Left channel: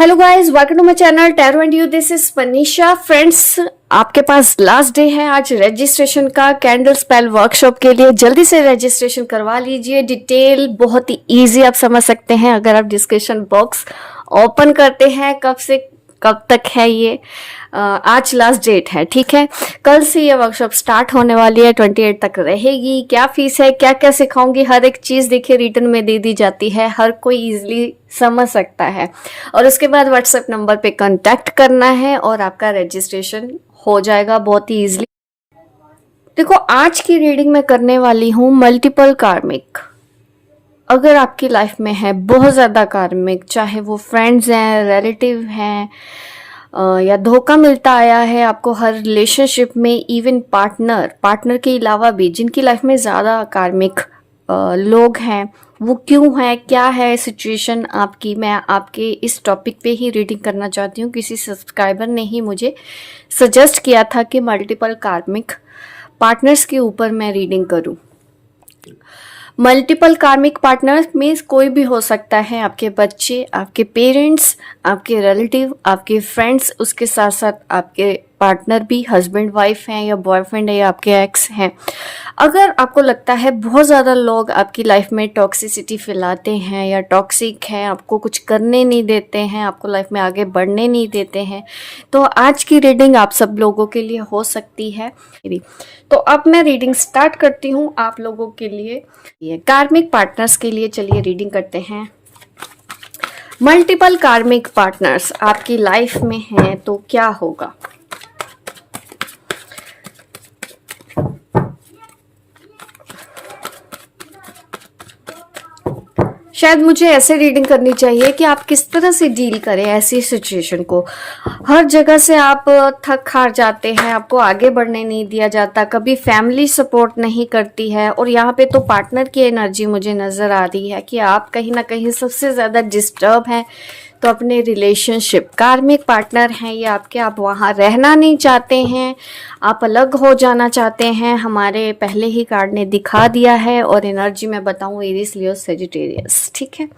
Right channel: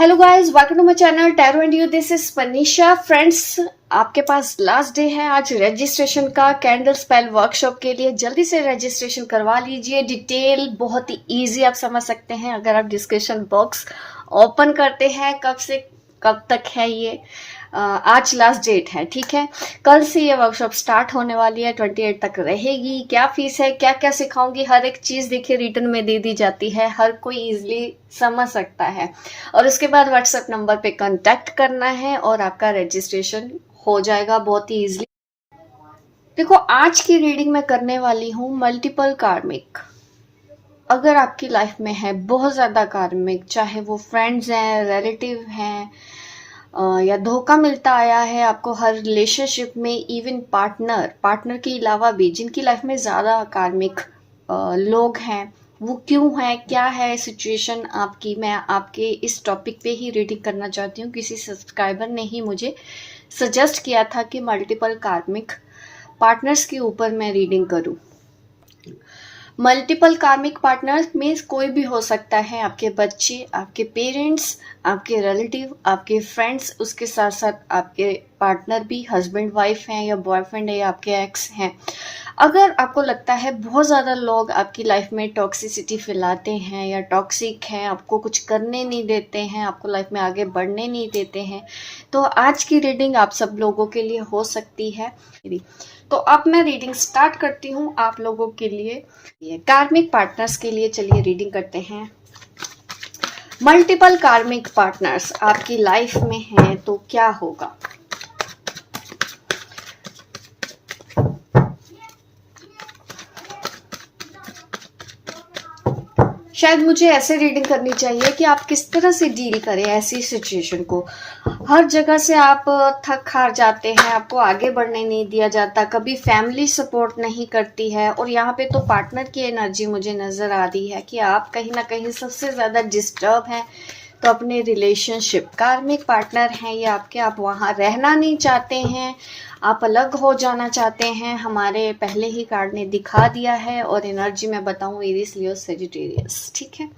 Hello guys, welcome to my channel tarot and you. This is Manisha. Friends, आपके पास last day है आज registration का कैंडल स्पेल वर्कशॉप के लिए। जल्दी से रजिस्ट्रेशन करवा लीजिए। डिटेल बहुत ही इजी आप समझ सकते हैं अगर आप डिस्क्रिप्शन बॉक्स ओपन करते हैं। कब से कब तक है ये, आज लास्ट डेट है, ठीक है। कल से ये वर्कशॉप स्टार्ट होने वाली है, 28 तक रहेगी। क्या फीस है, क्या क्या सिखाऊंगी, हर एक चीज देखिए रिटर्न में दे दी जाती है, हर कोई इजीली समझ सकता है। और उसके बाद व्हाट्सएप नंबर पे कांटेक्ट करना है और आपका रजिस्ट्रेशन हो जाएगा बहुत ही इजीली। देखो, आज की रीडिंग में करने वाली हूँ मल्टीपल कार्मिक। अगर आपकी लाइफ में है बहुत ज्यादा कार्मिक, चाहे वो फ्रेंड्स हैं, रिलेटिव हैं, या धोखा मिलता आया है आपको हर रिलेशनशिप में, इवन पार्टनर के अलावा भी जिनकी लाइफ में ज्यादा कार्मिक लोग हैं, वो क्यों है, क्या है सिचुएशन आपकी, मैं आपके इस टॉपिक पे ही रीडिंग करना चाहती हूँ। किसी सब्सक्राइबर ने ही मुझे सजेस्ट किया था कि मल्टीपल कार्मिक पार्टनर्स के ऊपर मैं रीडिंग करूँ। मल्टीपल कार्मिक पार्टनर में कोई भी हो सकता है, आपके बच्चे, आपके पेरेंट्स, आपके रिलेटिव, आपके फ्रेंड्स, उसके साथ साथ आपके पार्टनर भी, हस्बैंड वाइफ हैं या बॉयफ्रेंड है या आपके एक्स हैं। अगर आपको लगता है बहुत ज़्यादा लोग आपकी लाइफ में टॉक्सिसिटी फैलाते हैं या टॉक्सिक हैं, आपको कुछ करने नहीं देते हैं, आपको लाइफ में आगे बढ़ने नहीं देते हैं, तो आज की रीडिंग आप सब लोगों के लिए हो सकती है। तो अब मैं रीडिंग स्टार्ट करती हूँ आप लोगों के लिए, ये कार्मिक पार्टनर्स के लिए। चलिए रीडिंग करते हैं। मल्टीपल कार्मिक पार्टनर्स आपकी लाइफ में हैं तो क्या होगा। शायद मुझे ऐसे रीडिंग करनी चाहिए कि आप किस तरह से डील करें ऐसी सिचुएशन को। हर जगह से आप थक हार जाते हैं, आपको आगे बढ़ने नहीं दिया जाता, कभी फैमिली सपोर्ट नहीं करती है, और यहाँ पे तो पार्टनर की एनर्जी मुझे नजर आ रही है कि आप कहीं ना कहीं सबसे ज्यादा डिस्टर्ब हैं। तो अपने रिलेशनशिप, कार्मिक पार्टनर हैं ये आपके, आप वहाँ रहना नहीं चाहते हैं, आप अलग हो जाना चाहते हैं। हमारे पहले ही कार्ड ने दिखा दिया है, और एनर्जी में बताऊं एरीज, लियो, सेजिटेरियस, ठीक है।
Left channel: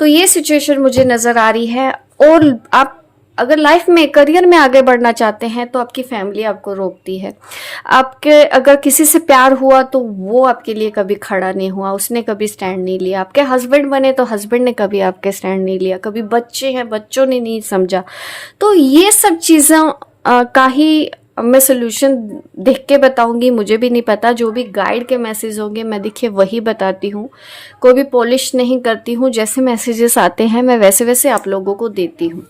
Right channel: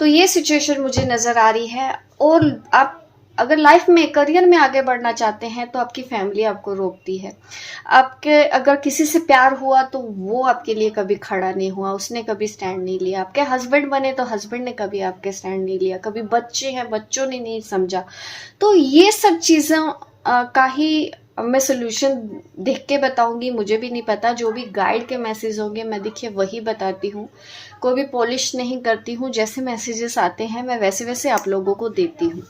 तो ये सिचुएशन मुझे नजर आ रही है। और आप अगर लाइफ में, करियर में आगे बढ़ना चाहते हैं तो आपकी फैमिली आपको रोकती है। आपके अगर किसी से प्यार हुआ तो वो आपके लिए कभी खड़ा नहीं हुआ, उसने कभी स्टैंड नहीं लिया। आपके हस्बैंड बने तो हस्बैंड ने कभी आपके स्टैंड नहीं लिया। कभी बच्चे हैं, बच्चों ने नहीं समझा। तो ये सब चीज़ों का ही मैं सोल्यूशन देख के बताऊंगी। मुझे भी नहीं पता, जो भी गाइड के मैसेज होंगे मैं देखिए वही बताती हूँ। कोई भी पॉलिश नहीं करती हूँ, जैसे मैसेजेस आते हैं मैं वैसे वैसे आप लोगों को देती हूँ।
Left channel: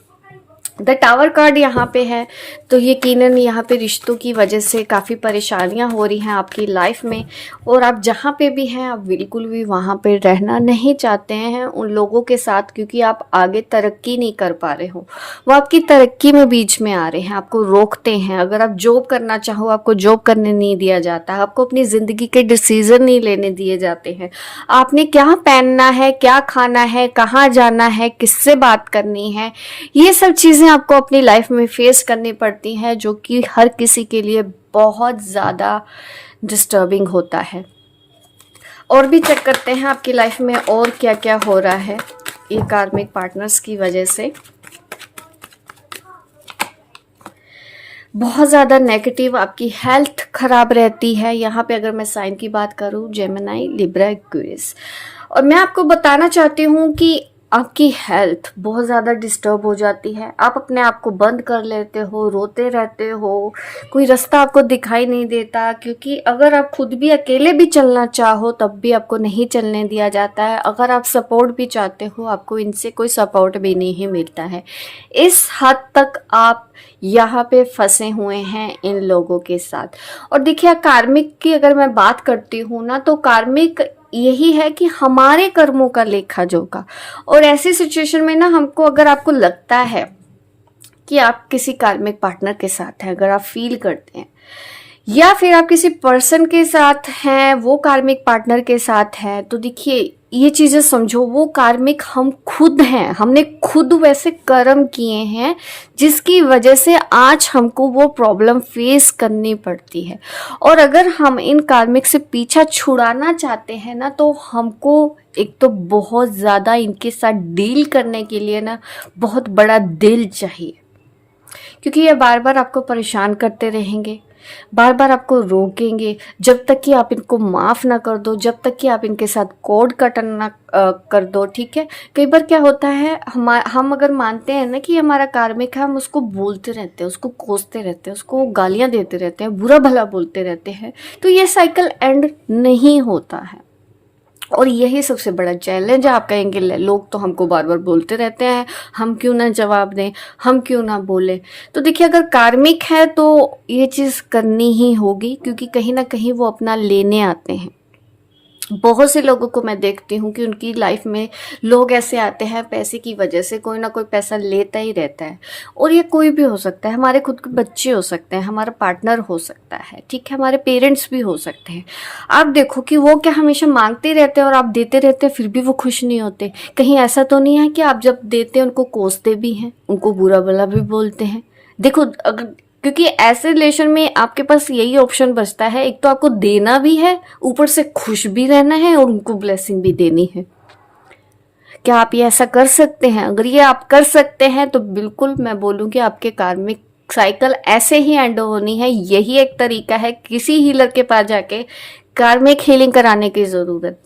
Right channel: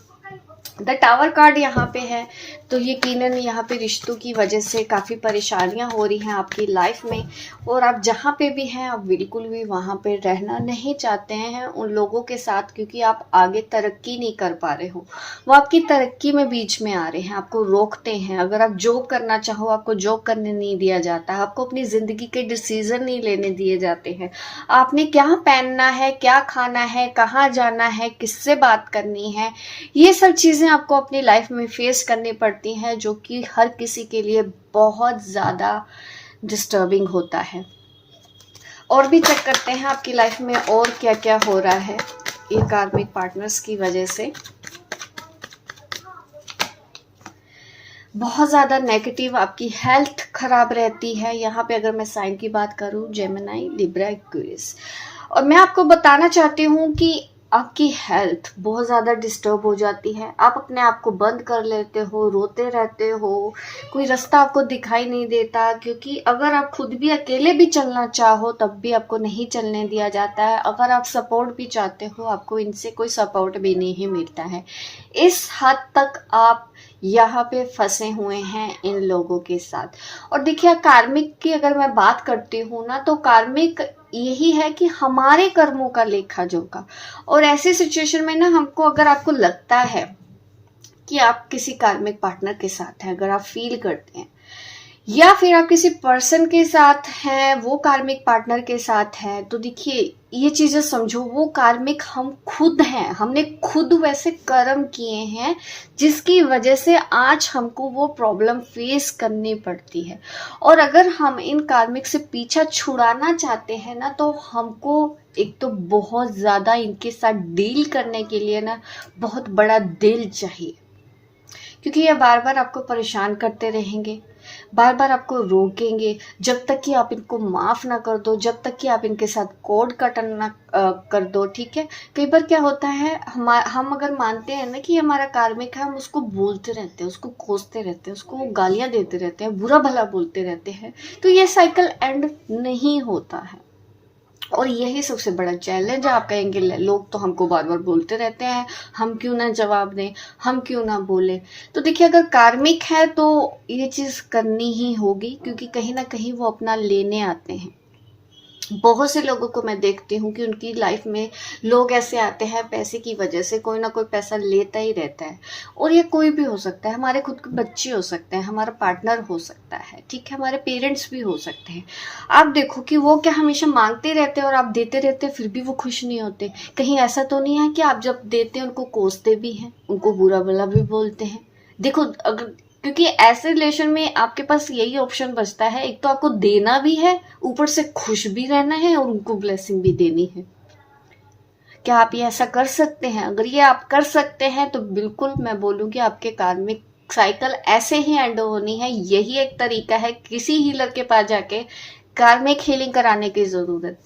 द टावर कार्ड यहाँ पे है, तो यकीनन यहाँ पे रिश्तों की वजह से काफ़ी परेशानियाँ हो रही हैं आपकी लाइफ में, और आप जहाँ पे भी हैं आप बिल्कुल भी वहाँ पे रहना नहीं चाहते हैं उन लोगों के साथ, क्योंकि आप आगे तरक्की नहीं कर पा रहे हो। वो आपकी तरक्की में बीच में आ रहे हैं, आपको रोकते हैं। अगर आप जॉब करना चाहो, आपको जॉब करने नहीं दिया जाता है, आपको अपनी ज़िंदगी के डिसीजन नहीं लेने दिए जाते हैं। आपने क्या पहनना है, क्या खाना है, कहाँ जाना है, किससे बात करनी है, ये सब चीज़ें आपको अपनी लाइफ में फेस करनी पड़ती हैं, जो कि हर किसी के लिए बहुत ज़्यादा डिस्टर्बिंग होता है। और भी चेक करते हैं आपकी लाइफ में और क्या क्या हो रहा है ये कार्मिक पार्टनर्स की वजह से। बहुत ज़्यादा नेगेटिव आपकी हेल्थ खराब रहती है। यहाँ पे अगर मैं साइन की बात करूँ, जेमिनी, लिब्रा, एक्वेरियस, और मैं आपको बताना चाहती हूँ कि आपकी हेल्थ बहुत ज़्यादा डिस्टर्ब हो जाती है। आप अपने आप को बंद कर लेते हो, रोते रहते हो, कोई रास्ता आपको दिखाई नहीं देता, क्योंकि अगर आप खुद भी अकेले भी चलना चाहो तब भी आपको नहीं चलने दिया जाता है। अगर आप सपोर्ट भी चाहते हो, आपको इनसे कोई सपोर्ट भी नहीं मिलता है। इस हद तक आप यहाँ पे फंसे हुए हैं इन लोगों के साथ। और देखिए, कार्मिक की अगर मैं बात करती हूँ ना, तो कार्मिक यही है कि हमारे कर्मों का लेखा जोखा। और ऐसी सिचुएशन में ना, हमको, अगर आपको लगता है कि आप किसी कार्मिक पार्टनर के साथ हैं, अगर आप फील करते हैं, या फिर आप किसी पर्सन के साथ हैं, वो कार्मिक पार्टनर के साथ है, तो देखिए ये चीजें समझो, वो कार्मिक हम खुद हैं, हमने खुद वैसे कर्म किए हैं जिसकी वजह से आज हमको वो प्रॉब्लम फेस करनी पड़ती है। और अगर हम इन कार्मिक से पीछा छुड़ाना चाहते हैं ना, तो हमको एक तो बहुत ज्यादा इनके साथ डील करने के लिए ना बहुत बड़ा दिल चाहिए, क्योंकि ये बार बार आपको परेशान करते रहेंगे, बार बार आपको रोकेंगे, जब तक कि आप इनको माफ ना कर दो, जब तक कि आप इनके साथ कोड कटन ना कर दो। ठीक है, कई बार क्या होता है, हम अगर मानते हैं ना कि हमारा कार्मिक है, हम उसको बोलते रहते हैं, उसको कोसते रहते हैं, उसको गालियां देते रहते हैं, बुरा भला बोलते रहते हैं, तो ये साइकिल एंड नहीं होता है। और यही सबसे बड़ा चैलेंज है। आप कहेंगे लोग तो हमको बार बार बोलते रहते हैं, हम क्यों ना जवाब दें, हम क्यों ना बोले। तो देखिए, अगर कार्मिक है तो ये चीज करनी ही होगी, क्योंकि कहीं ना कहीं वो अपना लेने आते हैं। बहुत से लोगों को मैं देखती हूँ कि उनकी लाइफ में लोग ऐसे आते हैं, पैसे की वजह से कोई ना कोई पैसा लेता ही रहता है। और ये कोई भी हो सकता है, हमारे खुद के बच्चे हो सकते हैं, हमारा पार्टनर हो सकता है, ठीक है, हमारे पेरेंट्स भी हो सकते हैं। आप देखो कि वो क्या हमेशा मांगते रहते हैं और आप देते रहते हैं, फिर भी वो खुश नहीं होते। कहीं ऐसा तो नहीं है कि आप जब देते हैं उनको कोसते भी हैं, उनको बुरा भला भी बोलते हैं। देखो, अगर क्योंकि ऐसे रिलेशन में आपके पास यही ऑप्शन बचता है, एक तो आपको देना भी है, ऊपर से खुश भी रहना है और उनको ब्लेसिंग भी देनी है। क्या आप ये ऐसा कर सकते हैं? अगर ये आप कर सकते हैं तो बिल्कुल मैं बोलूंगी आपके कार्मिक साइकिल ऐसे ही एंड होनी है। यही एक तरीका है, किसी हीलर के पास जाके कार्मिक हीलिंग कराने की जरूरत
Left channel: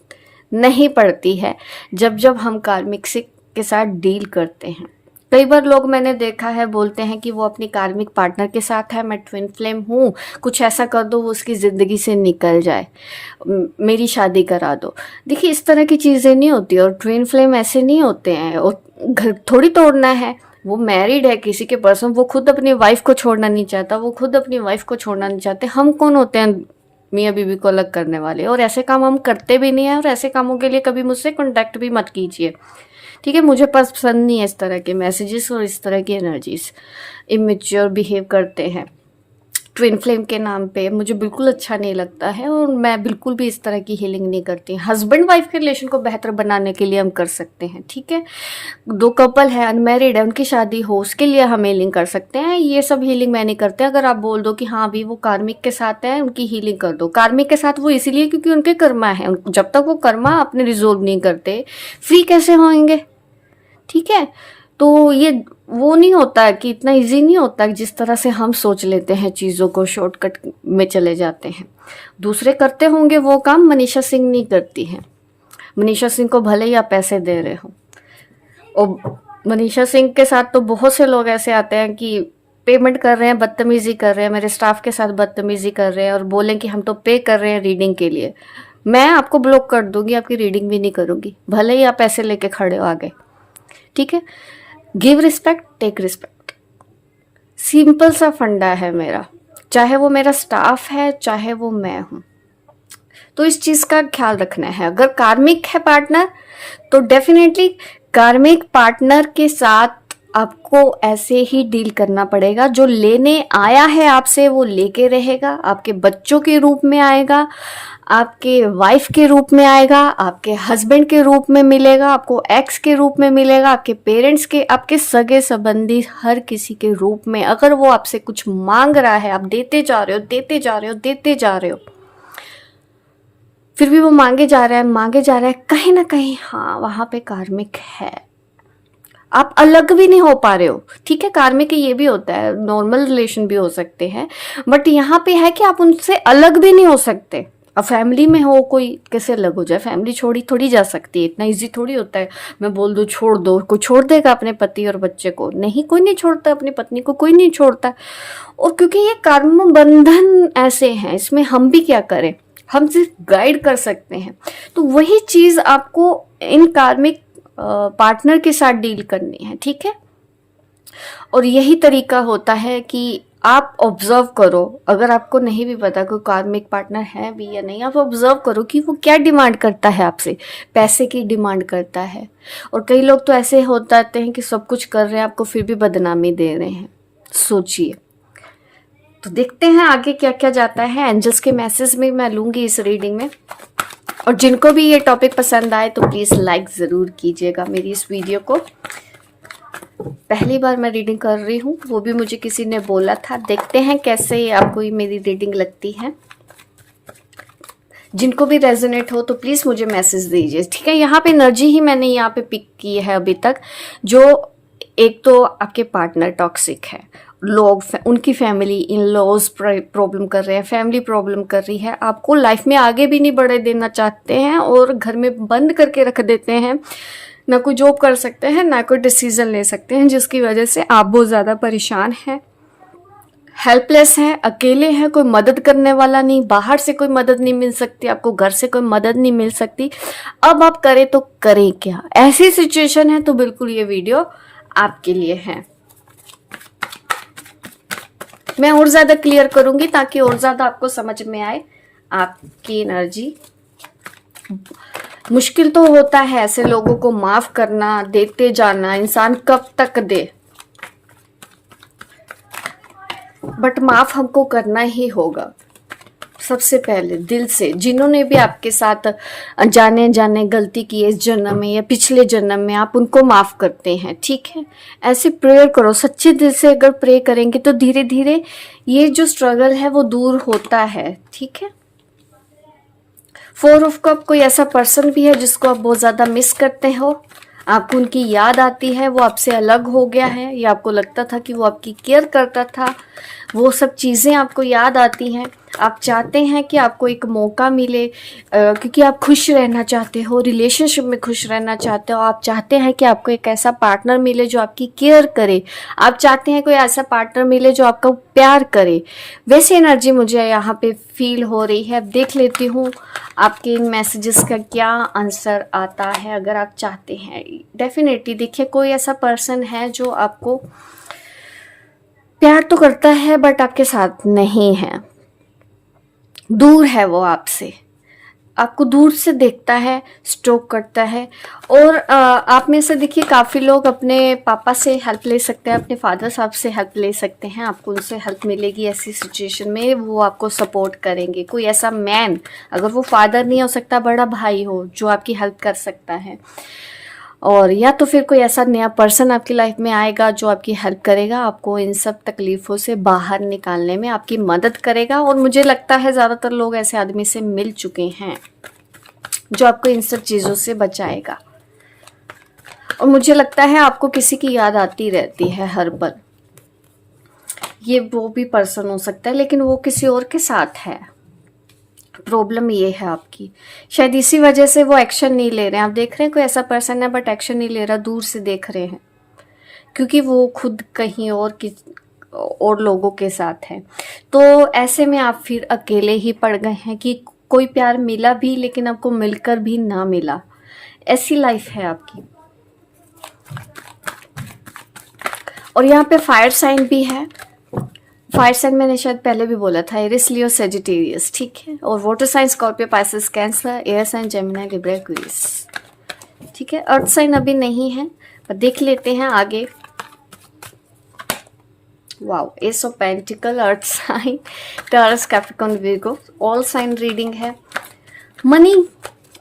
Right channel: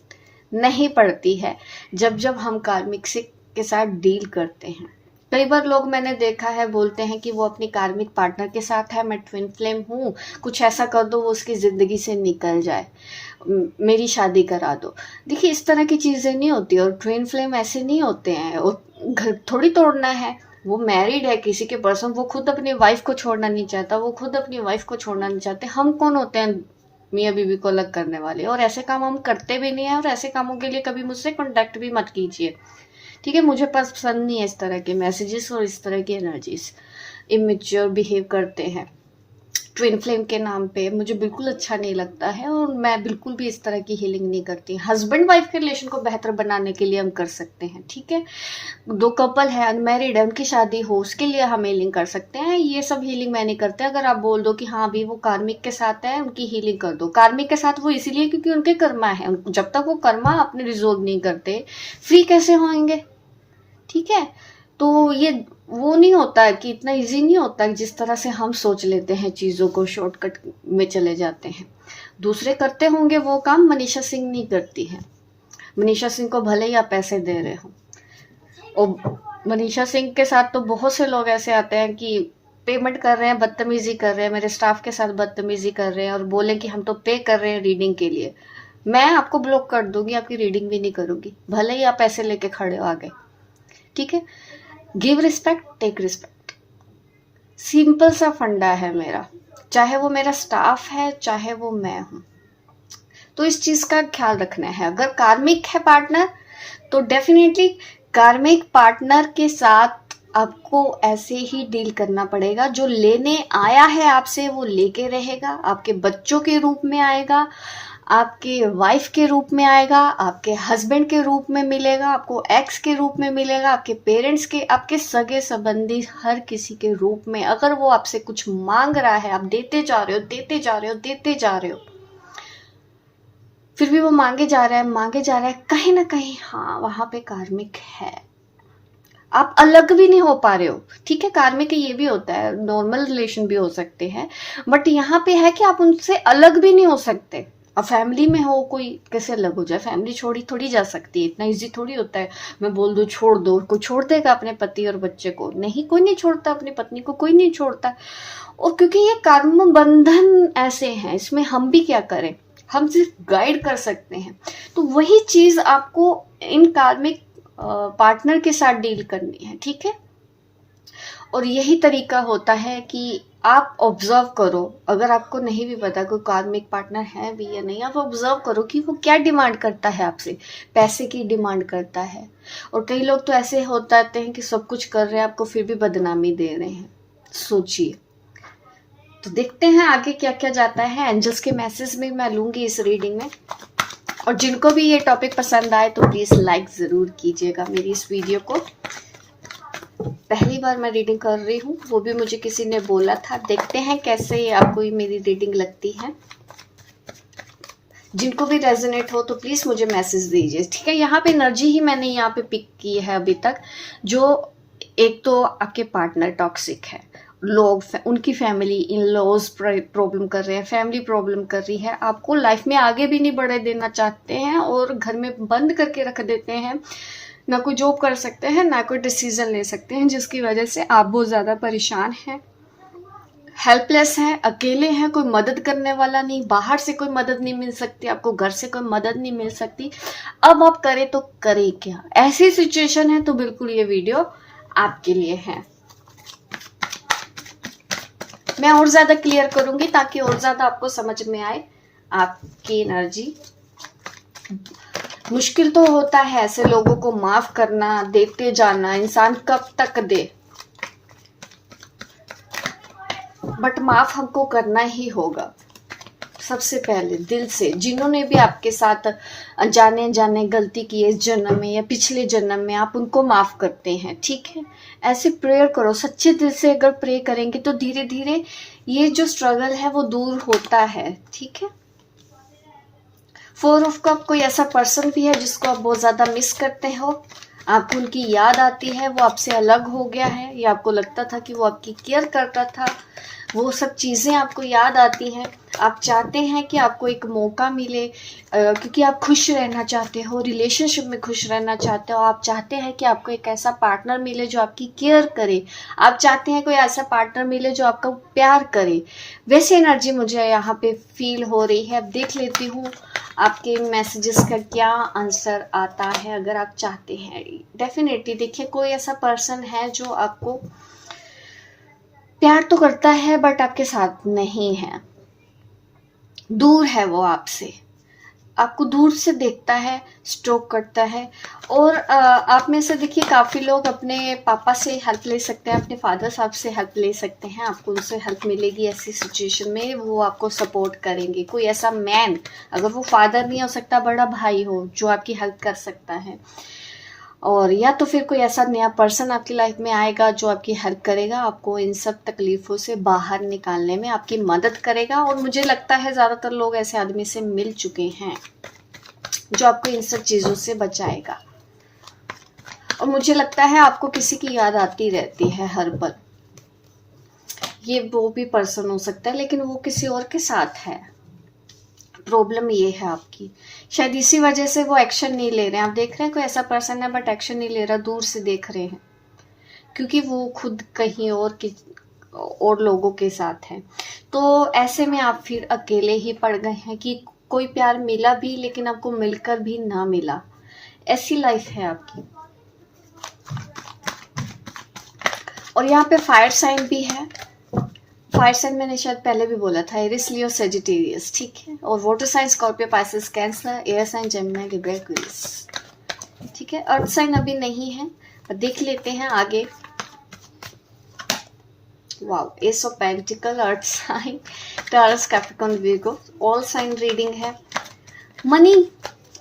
नहीं पड़ती है जब जब हम कार्मिक से के साथ डील करते हैं। कई बार लोग मैंने देखा है बोलते हैं कि वो अपनी कार्मिक पार्टनर के साथ है, मैं ट्विन फ्लेम हूँ, कुछ ऐसा कर दो वो उसकी ज़िंदगी से निकल जाए, मेरी शादी करा दो। देखिए, इस तरह की चीज़ें नहीं होती, और ट्विन फ्लेम ऐसे नहीं होते हैं। और घर थोड़ी तोड़ना है, वो मैरिड है किसी के पर्सन, वो खुद अपनी वाइफ को छोड़ना नहीं चाहता, वो खुद अपनी वाइफ को छोड़ना नहीं चाहते। हम कौन होते हैं मियाँ बीवी को अलग करने वाले? और ऐसे काम हम करते भी नहीं है, और ऐसे कामों के लिए कभी मुझसे कॉन्टैक्ट भी मत कीजिए, ठीक है। मुझे पसंद नहीं है इस तरह के मैसेजेस और इस तरह की एनर्जीज। इमेच्योर बिहेव करते हैं ट्विन फ्लेम के नाम पे, मुझे बिल्कुल अच्छा नहीं लगता है, और मैं बिल्कुल भी इस तरह की हीलिंग नहीं करती। हस्बैंड वाइफ के रिलेशन को बेहतर बनाने के लिए हम कर सकते हैं, ठीक है। दो कपल है, अनमैरिड है, उनकी शादी हो, उसके लिए हम हीलिंग कर सकते हैं। ये सब हीलिंग मैं नहीं करते। अगर आप बोल दो कि हाँ भी वो कार्मिक के साथ है, उनकी हीलिंग कर दो। कार्मिक के साथ वो इसीलिए क्योंकि उनके कर्मा है, जब तक वो कर्मा अपने रिजोल्व नहीं करते, फ्री कैसे होंगे, ठीक है। तो ये वो नहीं होता है कि इतना इजी नहीं होता जिस तरह से हम सोच लेते हैं, चीज़ों को शॉर्टकट में चले जाते हैं। दूसरे करते होंगे वो काम, मनीषा सिंह नहीं करती है। मनीषा सिंह को भले ही आप पैसे दे रहे हो, और मनीषा सिंह के साथ तो बहुत से लोग ऐसे आते हैं कि पेमेंट कर रहे हैं, बदतमीजी कर रहे हैं, मेरे स्टाफ के साथ बदतमीजी कर रहे हैं, और बोलें कि हम तो पे कर रहे हैं रीडिंग के लिए। मैं आपको ब्लॉक कर दूंगी, आपकी रीडिंग भी नहीं करूंगी, भले ही आप पैसे लेके खड़े हो आगे, ठीक है। Give respect, take respect, simple सा फंडा है मेरा, चाहे वो मेरा स्टाफ है, चाहे वो मैं हूं। तो इस चीज का ख्याल रखना है। अगर कार्मिक है पार्टनर, तो डेफिनेटली कार्मिक पार्टनर के साथ आपको ऐसे ही डील करना पड़ेगा। जो लेने आया है आपसे, वो लेके रहेगा, आपके बच्चों के रूप में आएगा, आपके वाइफ के रूप में आएगा, आपके हस्बैंड के रूप में मिलेगा, आपको एक्स के रूप में मिलेगा, आपके पेरेंट्स के, आपके सगे संबंधी, हर किसी के रूप में। अगर वो आपसे कुछ मांग रहा है, आप देते जा रहे हो, देते जा रहे हो, देते जा रहे हो, फिर भी वो मांगे जा रहा है, मांगे जा रहा है, कहीं ना कहीं हाँ वहां पे कार्मिक है। आप अलग भी नहीं हो पा रहे हो, ठीक है। कार्मिक ये भी होता है, नॉर्मल रिलेशन भी हो सकते हैं, बट यहाँ पे है कि आप उनसे अलग भी नहीं हो सकते। अब फैमिली में हो, कोई कैसे अलग हो जाए? फैमिली छोड़ी थोड़ी जा सकती है, इतना इजी थोड़ी होता है मैं बोल दूं छोड़ दो। कोई छोड़ देगा अपने पति और बच्चे को? नहीं, कोई नहीं छोड़ता अपनी पत्नी को, कोई नहीं छोड़ता। और क्योंकि ये कर्म बंधन ऐसे हैं, इसमें हम भी क्या करें, हम सिर्फ गाइड कर सकते हैं। तो वही चीज आपको इन कार्मिक पार्टनर के साथ डील करनी है, ठीक है। और यही तरीका होता है कि आप ऑब्जर्व करो। अगर आपको नहीं भी पता कोई कार्मिक पार्टनर है भी या नहीं, आप ऑब्जर्व करो कि वो क्या डिमांड करता है आपसे। पैसे की डिमांड करता है, और कई लोग तो ऐसे होते हैं कि सब कुछ कर रहे हैं आपको, फिर भी बदनामी दे रहे हैं। सोचिए, तो देखते हैं आगे क्या क्या जाता है। एंजल्स के मैसेज में मैं लूंगी इस रीडिंग में। और जिनको भी ये टॉपिक पसंद आए तो प्लीज लाइक जरूर कीजिएगा मेरी इस वीडियो को। पहली बार मैं रीडिंग कर रही हूँ, वो भी मुझे किसी ने बोला था। देखते हैं कैसे ये आपको ये मेरी रीडिंग लगती है। जिनको भी रेजोनेट हो तो प्लीज मुझे मैसेज दीजिए, ठीक है। यहाँ पे एनर्जी ही मैंने यहाँ पे पिक की है अभी तक। जो एक तो आपके पार्टनर टॉक्सिक है, लोग उनकी फैमिली इन लॉज प्रॉब्लम कर रहे हैं, फैमिली प्रॉब्लम कर रही है, आपको लाइफ में आगे भी नहीं बढ़े देना चाहते हैं और घर में बंद करके रख देते हैं। ना कोई जॉब कर सकते हैं, ना कोई डिसीजन ले सकते हैं, जिसकी वजह से आप बहुत ज़्यादा परेशान हैं, हेल्पलेस हैं, अकेले हैं, कोई मदद करने वाला नहीं, बाहर से कोई मदद नहीं मिल सकती आपको, घर से कोई मदद नहीं मिल सकती। अब आप करें तो करें क्या? ऐसी सिचुएशन है तो बिल्कुल ये वीडियो आपके लिए है। मैं और ज्यादा क्लियर करूंगी ताकि और ज्यादा आपको समझ में आए आपकी एनर्जी। मुश्किल तो होता है ऐसे लोगों को माफ करना, देते जाना, इंसान कब तक दे, बट माफ हमको करना ही होगा सबसे पहले दिल से। जिन्होंने भी आपके साथ जाने जाने गलती की है इस जन्म में या पिछले जन्म में, आप उनको माफ करते हैं, ठीक है। ऐसे प्रेयर करो, सच्चे दिल से अगर प्रे करेंगे तो धीरे धीरे ये जो स्ट्रगल है वो दूर होता है, ठीक है। 4 ऑफ कप, कोई ऐसा पर्सन भी है जिसको आप बहुत ज्यादा मिस करते हो, आपको उनकी याद आती है, वो आपसे अलग हो गया है या आपको लगता था कि वो आपकी केयर करता था, वो सब चीज़ें आपको याद आती हैं। आप चाहते हैं कि आपको एक मौका मिले, क्योंकि आप खुश रहना चाहते हो, रिलेशनशिप में खुश रहना चाहते हो। आप चाहते हैं कि आपको एक ऐसा पार्टनर मिले जो आपकी केयर करे, आप चाहते हैं कोई ऐसा पार्टनर मिले जो आपको प्यार करे। वैसी एनर्जी मुझे यहाँ पे फील हो रही है। अब देख लेती हूँ आपके इन मैसेजेस का क्या आंसर आता है। अगर आप चाहते हैं डेफिनेटली, देखिए कोई ऐसा पर्सन है जो आपको प्यार तो करता है बट आपके साथ नहीं है, दूर है वो आपसे, आपको दूर से देखता है, स्टॉक करता है। और आप में से देखिए काफ़ी लोग अपने पापा से हेल्प ले सकते हैं, अपने फादर साहब से हेल्प ले सकते हैं, आपको उनसे हेल्प मिलेगी ऐसी सिचुएशन में, वो आपको सपोर्ट करेंगे। कोई ऐसा मैन, अगर वो फादर नहीं हो सकता, बड़ा भाई हो जो आपकी हेल्प कर सकता है। और या तो फिर कोई ऐसा नया पर्सन आपकी लाइफ में आएगा जो आपकी हेल्प करेगा, आपको इन सब तकलीफ़ों से बाहर निकालने में आपकी मदद करेगा। और मुझे लगता है ज़्यादातर लोग ऐसे आदमी से मिल चुके हैं जो आपको इन सब चीज़ों से बचाएगा। और मुझे लगता है आपको किसी की याद आती रहती है हर पल। ये वो भी पर्सन हो सकता है लेकिन वो किसी और के साथ है। प्रॉब्लम ये है आपकी, शायद इसी वजह से वो एक्शन नहीं ले रहे हैं। आप देख रहे हैं कोई ऐसा पर्सन है बट एक्शन नहीं ले रहा, दूर से देख रहे हैं, क्योंकि वो खुद कहीं और लोगों के साथ है। तो ऐसे में आप फिर अकेले ही पड़ गए हैं कि कोई प्यार मिला भी लेकिन आपको मिलकर भी ना मिला, ऐसी लाइफ है आपकी। और यहाँ पे फायर साइन भी है। फायर साइन मैंने शायद पहले भी बोला था, एरिस, लियो, सेजिटेरियस, ठीक है। और water sign Scorpio, Pisces, Cancer, air sign Gemini, Libra, Aquarius, ठीक है। अर्थ साइन अभी नहीं है, पर देख लेते हैं आगे। Wow, ace of pentacle, earth sign, Taurus, Capricorn, Virgo, all sign reading है। मनी,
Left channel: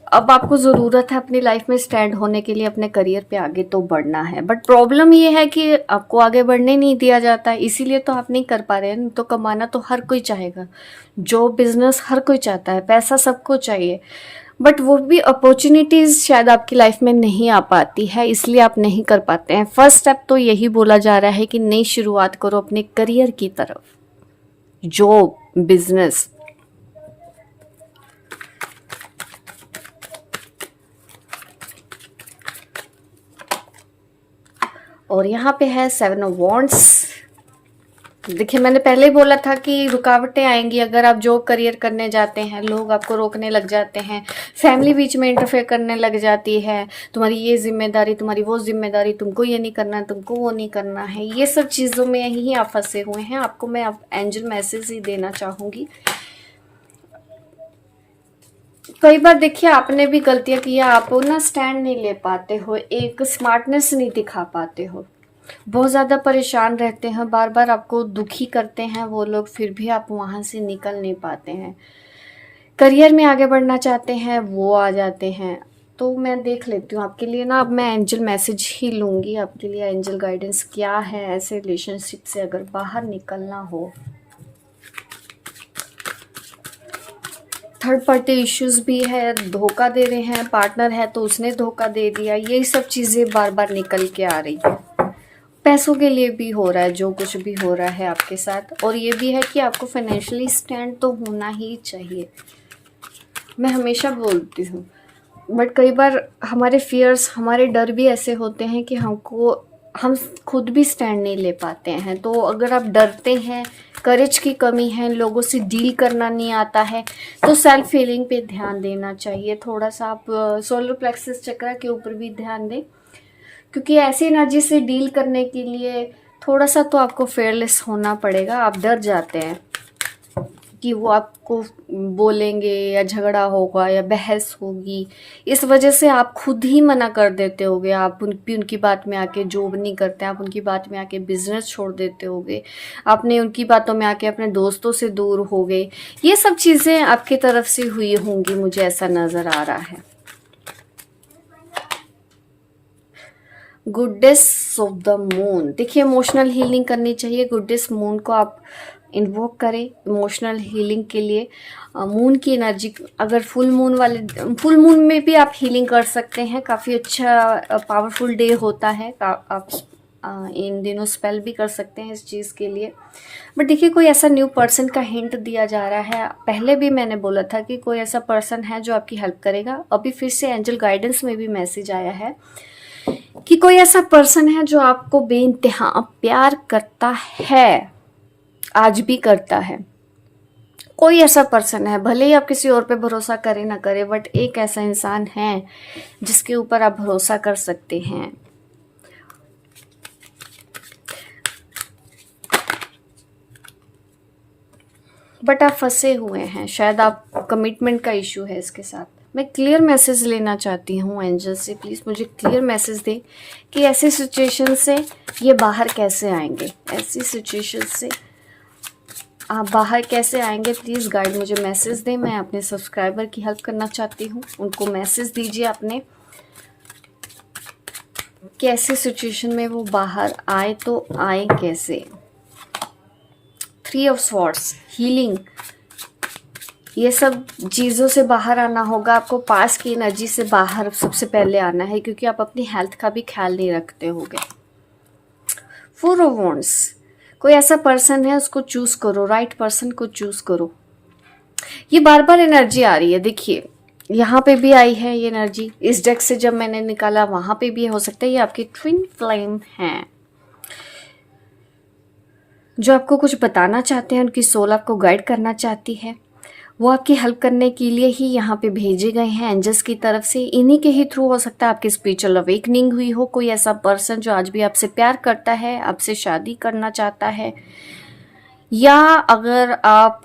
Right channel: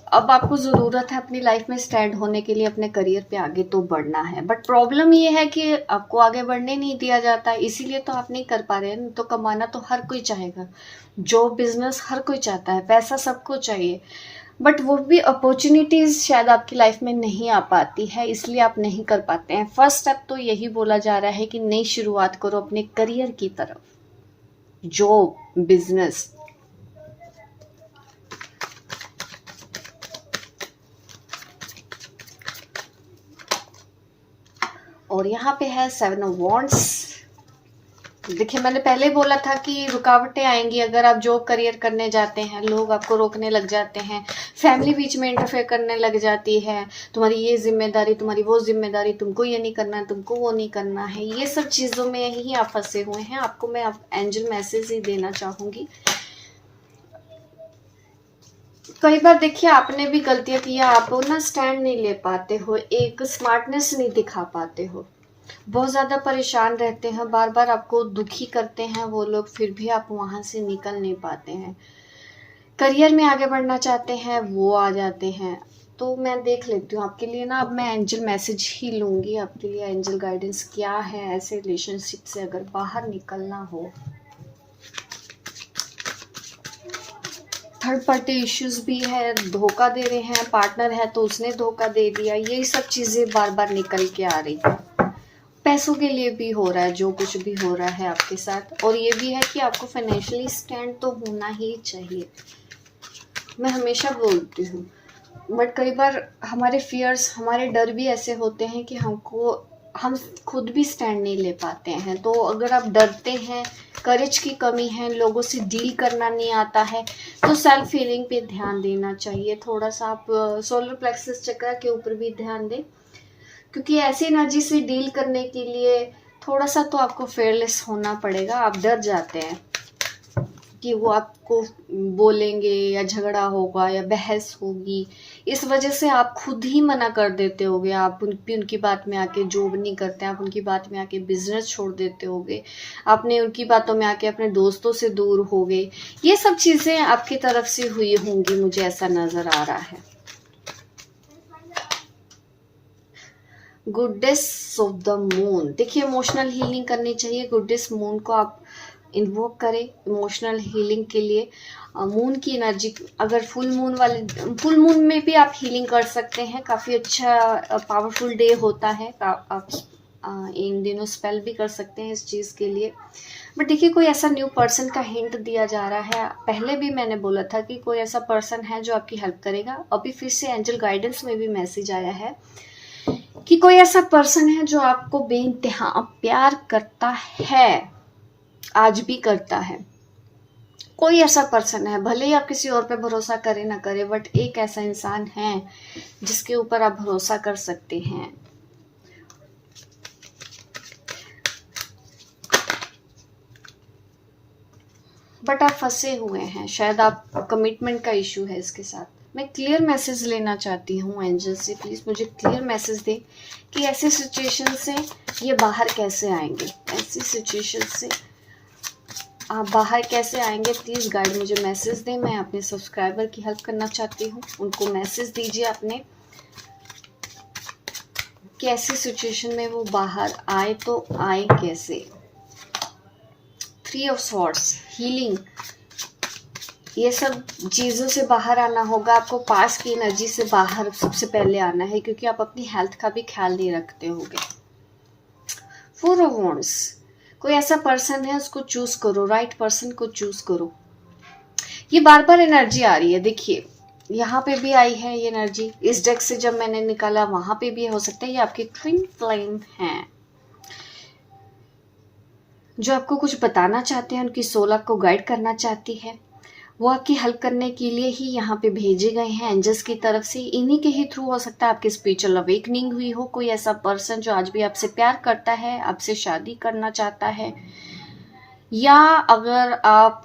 अब आपको ज़रूरत है अपनी लाइफ में स्टैंड होने के लिए, अपने करियर पे आगे तो बढ़ना है, बट प्रॉब्लम ये है कि आपको आगे बढ़ने नहीं दिया जाता है, इसीलिए तो आप नहीं कर पा रहे हैं। तो कमाना तो हर कोई चाहेगा, जॉब, बिजनेस हर कोई चाहता है, पैसा सबको चाहिए, बट वो भी अपॉर्चुनिटीज़ शायद आपकी लाइफ में नहीं आ पाती है, इसलिए आप नहीं कर पाते हैं। फर्स्ट स्टेप तो यही बोला जा रहा है कि नई शुरुआत करो अपने करियर की तरफ, जॉब, बिजनेस। और यहाँ पे है 7 ऑफ वॉन्ड्स। देखिए मैंने पहले ही बोला था कि रुकावटें आएंगी अगर आप जॉब करियर करने जाते हैं, लोग आपको रोकने लग जाते हैं, फैमिली बीच में इंटरफेयर करने लग जाती है, तुम्हारी ये जिम्मेदारी, तुम्हारी वो जिम्मेदारी, तुमको ये नहीं करना है, तुमको वो नहीं करना है, ये सब चीज़ों में ही आप फंसे हुए हैं। आपको मैं एंजल मैसेज ही देना चाहूँगी। कई बार देखिए आपने भी गलतियां की है, आप ना स्टैंड नहीं ले पाते हो, एक स्मार्टनेस नहीं दिखा पाते हो, बहुत ज़्यादा परेशान रहते हैं, बार बार आपको दुखी करते हैं वो लोग, फिर भी आप वहाँ से निकल नहीं पाते हैं। करियर में आगे बढ़ना चाहते हैं, वो आ जाते हैं। तो मैं देख लेती हूँ आपके लिए ना, अब मैं एंजल मैसेज ही लूँगी आपके लिए, एंजल गाइडेंस क्या है ऐसे रिलेशनशिप से अगर बाहर निकलना हो। थर्ड पार्टी इश्यूज भी है, धोखा दे रहे हैं, पार्टनर है तो उसने धोखा दे दिया, यही सब चीज़ें बार बार निकल के आ रही है। पैसों के लिए भी हो रहा है, जो कुछ भी हो रहा है आपके साथ। और ये भी है कि आपको फाइनेंशियली स्टैंड तो होना ही चाहिए, मैं हमेशा बोलती हूँ। बट कई बार हमारे फियर्स, हमारे डर भी ऐसे होते हैं कि हम खुद भी स्टैंड नहीं ले पाते हैं। तो अगर आप डरते हैं, करेज की कमी है, लोगों से डील करना नहीं आता है, तो सेल्फ हीलिंग पे ध्यान देना चाहिए थोड़ा सा। आप सोलर प्लेक्सस चक्र के ऊपर भी ध्यान दें, क्योंकि ऐसी एनर्जी से डील करने के लिए थोड़ा सा तो आपको फेयरलेस होना पड़ेगा। आप डर जाते हैं कि वो आपको बोलेंगे या झगड़ा होगा या बहस होगी, इस वजह से आप खुद ही मना कर देते होगे। आप उनकी बात में आके जॉब नहीं करते, आप उनकी बात में आके बिजनेस छोड़ देते होगे, आपने उनकी बातों में आके अपने दोस्तों से दूर हो गए। ये सब चीज़ें आपकी तरफ से हुई होंगी, मुझे ऐसा नज़र आ रहा है। गुडेस ऑफ द मून, देखिए इमोशनल हीलिंग करनी चाहिए, गुडेस मून को आप इन्वोक करें इमोशनल हीलिंग के लिए। मून की एनर्जी, अगर फुल मून में भी आप हीलिंग कर सकते हैं, काफ़ी अच्छा पावरफुल डे होता है। आप इन दिनों स्पेल भी कर सकते हैं इस चीज़ के लिए। बट देखिए कोई ऐसा न्यू पर्सन का हिंट दिया जा रहा है। पहले भी मैंने बोला था कि कोई ऐसा पर्सन है जो आपकी हेल्प करेगा। अभी फिर से एंजल गाइडेंस में भी मैसेज आया है कि कोई ऐसा पर्सन है जो आपको बेइंतहा प्यार करता है, आज भी करता है। कोई ऐसा पर्सन है, भले ही आप किसी और पे भरोसा करें ना करें, बट एक ऐसा इंसान है जिसके ऊपर आप भरोसा कर सकते हैं। बट आप फंसे हुए हैं, शायद आप कमिटमेंट का इशू है इसके साथ। मैं क्लियर मैसेज लेना चाहती हूँ एंजल से, प्लीज़ मुझे क्लियर मैसेज दें कि ऐसी सिचुएशन से ये बाहर कैसे आएंगे, ऐसी सिचुएशन से आप बाहर कैसे आएंगे। प्लीज़ गाइड मुझे मैसेज दें। मैं अपने सब्सक्राइबर की हेल्प करना चाहती हूँ, उनको मैसेज दीजिए अपने कि ऐसी सिचुएशन में वो बाहर आए तो आए कैसे। 3 ऑफ स्वॉर्ड्स, हीलिंग, ये सब चीज़ों से बाहर आना होगा आपको। पास की एनर्जी से बाहर सबसे पहले आना है, क्योंकि आप अपनी हेल्थ का भी ख्याल नहीं रखते होगे। 4 ऑफ वॉन्ड्स, कोई ऐसा पर्सन है उसको चूज करो, राइट पर्सन को चूज करो। ये बार बार एनर्जी आ रही है, देखिए यहाँ पे भी आई है ये एनर्जी, इस डेक से जब मैंने निकाला वहां पे भी हो सकता है ये आपकी ट्विन फ्लेम है जो आपको कुछ बताना चाहते हैं। उनकी सोल आपको गाइड करना चाहती है, वो आपकी हेल्प करने के लिए ही यहाँ पे भेजे गए हैं एंजल्स की तरफ से। इन्हीं के ही थ्रू हो सकता है आपकी स्पिरिचुअल अवेकनिंग हुई हो। कोई ऐसा पर्सन जो आज भी आपसे प्यार करता है, आपसे शादी करना चाहता है, या अगर आप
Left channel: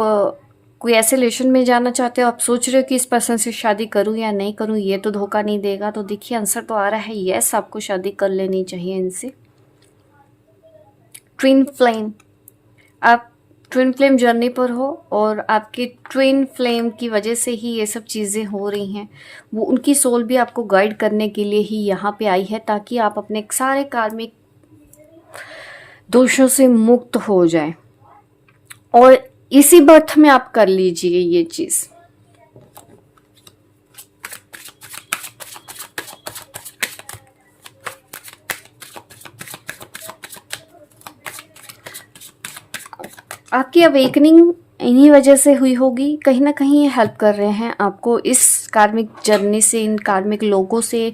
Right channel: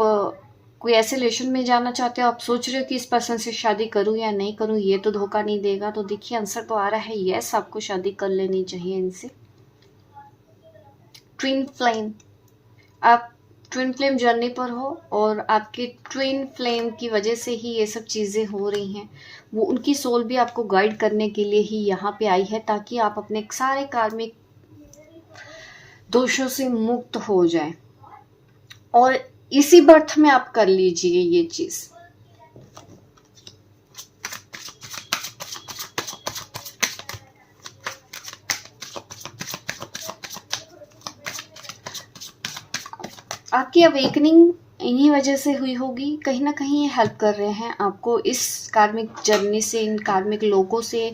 कोई ऐसे रिलेशन में जाना चाहते हो, आप सोच रहे हो कि इस पर्सन से शादी करूं या नहीं करूं, ये तो धोखा नहीं देगा, तो देखिए आंसर तो आ रहा है यस, आपको शादी कर लेनी चाहिए इनसे। ट्विन फ्लेम, आप ट्विन फ्लेम जर्नी पर हो और आपकी ट्विन फ्लेम की वजह से ही ये सब चीज़ें हो रही हैं। वो उनकी सोल भी आपको गाइड करने के लिए ही यहाँ पे आई है, ताकि आप अपने सारे कार्मिक दोषों से मुक्त हो जाए, और इसी बर्थ में आप कर लीजिए ये चीज़। आपकी अवेकनिंग इन्हीं वजह से हुई होगी, कहीं ना कहीं ये हेल्प कर रहे हैं आपको इस कार्मिक जर्नी से, इन कार्मिक लोगों से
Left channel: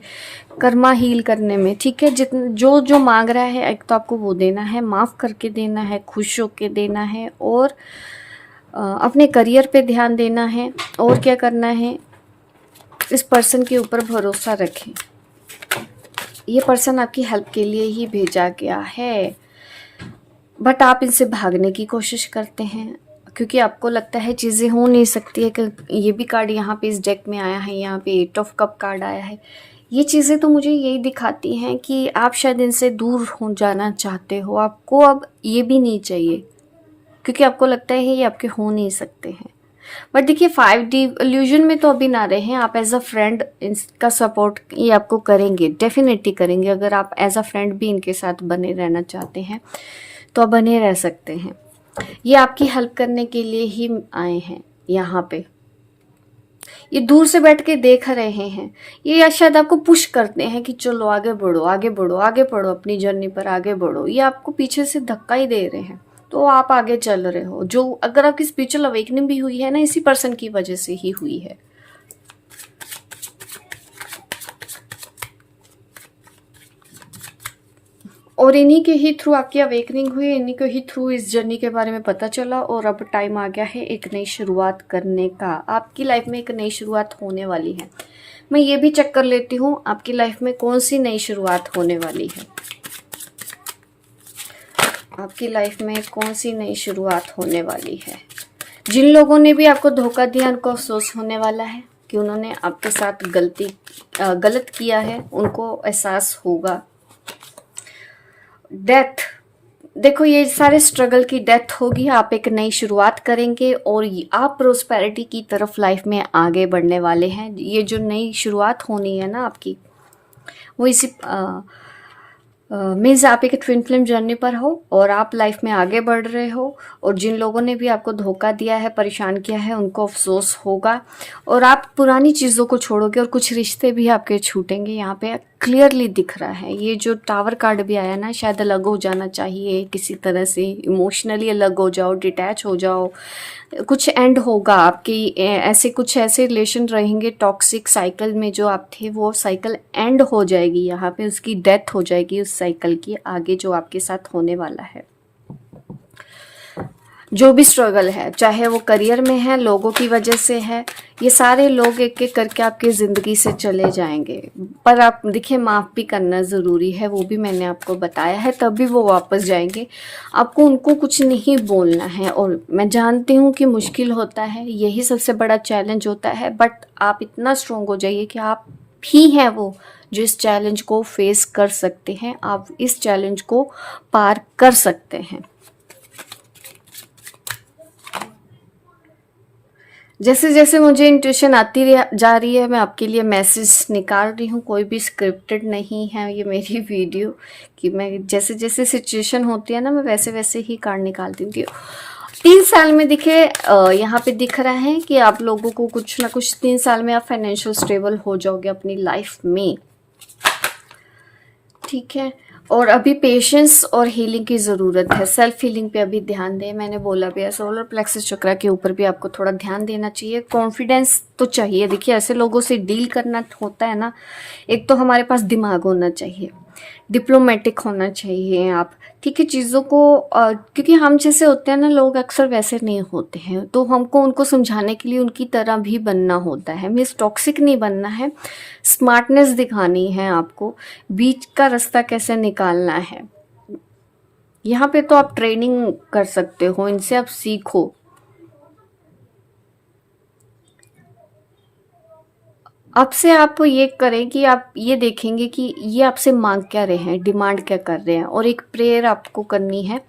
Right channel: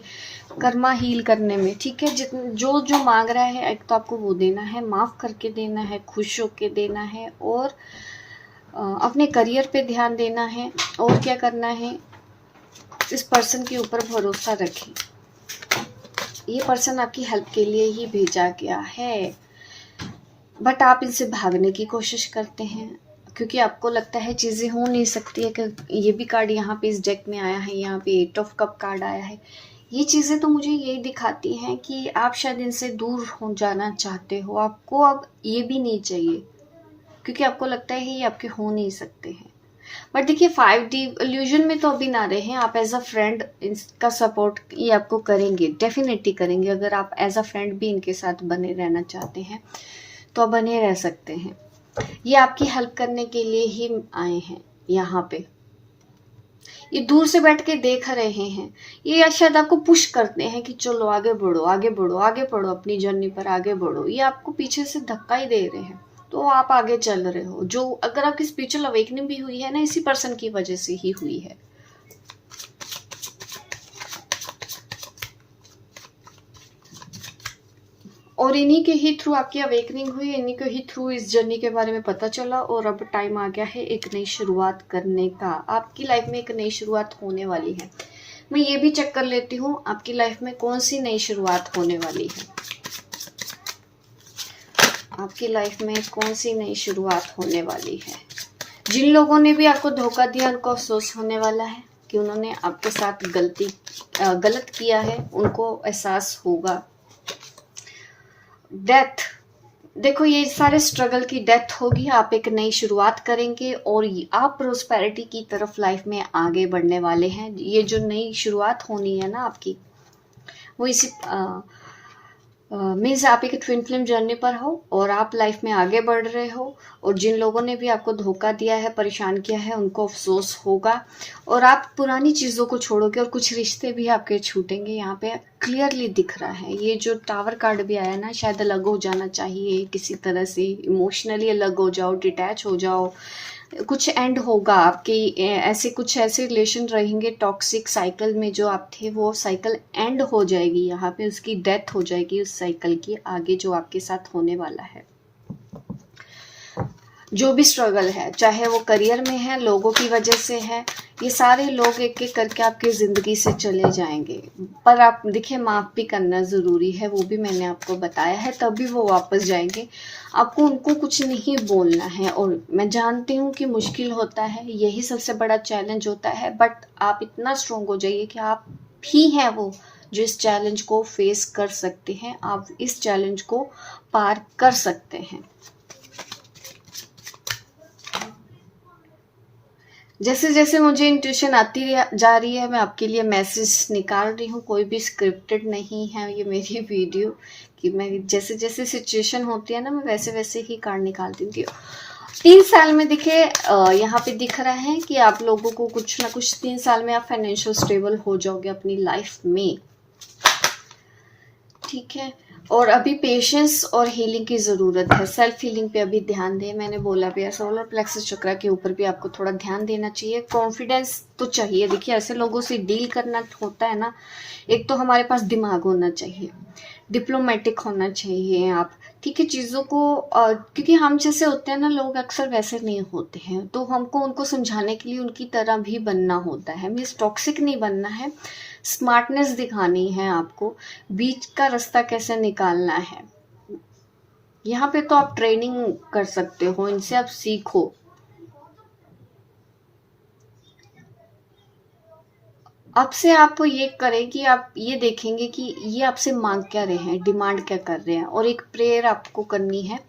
कर्मा हील करने में। ठीक है, जितना जो जो मांग रहा है, एक तो आपको वो देना है, माफ़ करके देना है, खुश होके देना है, और अपने करियर पे ध्यान देना है। और क्या करना है, इस पर्सन के ऊपर भरोसा रखें। ये पर्सन आपकी हेल्प के लिए ही भेजा गया है, बट आप इनसे भागने की कोशिश करते हैं, क्योंकि आपको लगता है चीज़ें हो नहीं सकती है। कि ये भी कार्ड यहाँ पे इस डेक में आया है, यहाँ पे 8 ऑफ कप कार्ड आया है। ये चीज़ें तो मुझे यही दिखाती हैं कि आप शायद इनसे दूर हो जाना चाहते हो, आपको अब ये भी नहीं चाहिए, क्योंकि आपको लगता है ये आपके हो नहीं सकते हैं। बट देखिए 5D इल्यूजन में तो अभी ना रहे हैं आप, एज अ फ्रेंड इनका सपोर्ट ये आपको करेंगे, डेफिनेटली करेंगे। अगर आप एज अ फ्रेंड भी इनके साथ बने रहना चाहते हैं तो आप बने रह सकते हैं। ये आपकी हेल्प करने के लिए ही आए हैं यहाँ पे। ये दूर से बैठ के देख रहे हैं, ये या शायद आपको पुश करते हैं कि चलो आगे बढ़ो, आगे बढ़ो, आगे बढ़ो, अपनी जर्नी पर आगे बढ़ो। ये आपको पीछे से धक्का ही दे रहे हैं, तो आप आगे चल रहे हो। जो अगर आपकी स्पिरिचुअल अवेकनिंग भी हुई है ना, इसी पर्सन की वजह से ही हुई है। और इन्हीं के ही थ्रू आपकी अवेकनिंग हुई, इन्हीं के ही थ्रू इस जर्नी के बारे में पता चला, और अब टाइम आ गया है एक नई शुरुआत करने का। आपकी लाइफ में एक नई शुरुआत होने वाली है। मैं ये भी चेक कर लेती हूँ आपकी लाइफ में कौन सी नई शुरुआत होने वाली है। आपकी लाइफ में कौन सी नई शुरुआत होने वाली है। जिन लोगों ने भी आपको धोखा दिया उनको अफसोस होने वाला है कि उन्होंने आपके साथ गलत किया है, उनको एहसास होगा। डेथ, देखो ये सारे स्ट्रगल की डेथ होगी, आप एक नई शुरुआत करेंगे और आप प्रोस्पेरिटी की तरफ लाइफ में आगे बढ़ने वाले हैं। ये जो नई शुरुआत होनी है ना आपकी, वो इसी मीन्स आप एक ट्विन फ्लेम जर्नी पर हो और आप लाइफ में आगे बढ़ रहे हो, और जिन लोगों ने भी आपको धोखा दिया है, परेशान किया है, उनको अफसोस होगा और आप पुरानी चीज़ों को छोड़ोगे और कुछ रिश्ते भी आपके छूटेंगे। यहाँ पे क्लियरली दिख रहा है। ये जो टावर कार्ड भी आया ना, शायद अलग हो जाना चाहिए, किसी तरह से इमोशनली अलग हो जाओ, डिटैच हो जाओ, कुछ एंड होगा आपकी। ऐसे कुछ ऐसे रिलेशन रहेंगे टॉक्सिक साइकिल में, जो आप थे वो साइकिल एंड हो जाएगी, यहाँ पे उसकी डेथ हो जाएगी उस साइकिल की। आगे जो आपके साथ होने वाला है, जो भी स्ट्रगल है, चाहे वो करियर में है, लोगों की वजह से है, ये सारे लोग एक एक करके आपकी ज़िंदगी से चले जाएंगे। पर आप देखिए, माफ़ भी करना ज़रूरी है, वो भी मैंने आपको बताया है, तभी वो वापस जाएंगे। आपको उनको कुछ नहीं बोलना है, और मैं जानती हूँ कि मुश्किल होता है, यही सबसे बड़ा चैलेंज होता है, बट आप इतना स्ट्रॉन्ग हो जाइए कि आप ही हैं वो जो इस चैलेंज को फेस कर सकते हैं। आप इस चैलेंज को पार कर सकते हैं। जैसे जैसे मुझे इंट्यूशन आती जा रही है, मैं आपके लिए मैसेज निकाल रही हूँ। कोई भी स्क्रिप्टेड नहीं है ये मेरी वीडियो, कि मैं जैसे जैसे सिचुएशन होती है ना, मैं वैसे वैसे ही कार्ड निकाल देती हूँ। 3 साल में दिखे, यहाँ पे दिख रहा है कि आप लोगों को कुछ ना कुछ 3 साल में आप फाइनेंशियल स्टेबल हो जाओगे अपनी लाइफ में, ठीक है। और अभी पेशेंस और हीलिंग की ज़रूरत है। सेल्फ हीलिंग पे अभी ध्यान दें, मैंने बोला भी है। सोलर प्लेक्सस चक्रा के ऊपर भी आपको थोड़ा ध्यान देना चाहिए। कॉन्फिडेंस तो चाहिए। देखिए, ऐसे लोगों से डील करना होता है ना, एक तो हमारे पास दिमाग होना चाहिए, डिप्लोमेटिक होना चाहिए आप, ठीक है, चीज़ों को क्योंकि हम जैसे होते हैं ना लोग, अक्सर वैसे नहीं होते हैं, तो हमको उनको समझाने के लिए उनकी तरह भी बनना होता है। मीन्स टॉक्सिक नहीं बनना है, स्मार्टनेस दिखानी है आपको, बीच का रास्ता कैसे निकालना है। यहाँ पे तो आप ट्रेनिंग कर सकते हो, इनसे आप सीखो। अब से आप ये करें कि आप ये देखेंगे कि ये आपसे मांग क्या रहे हैं, डिमांड क्या कर रहे हैं, और एक प्रेयर आपको करनी है।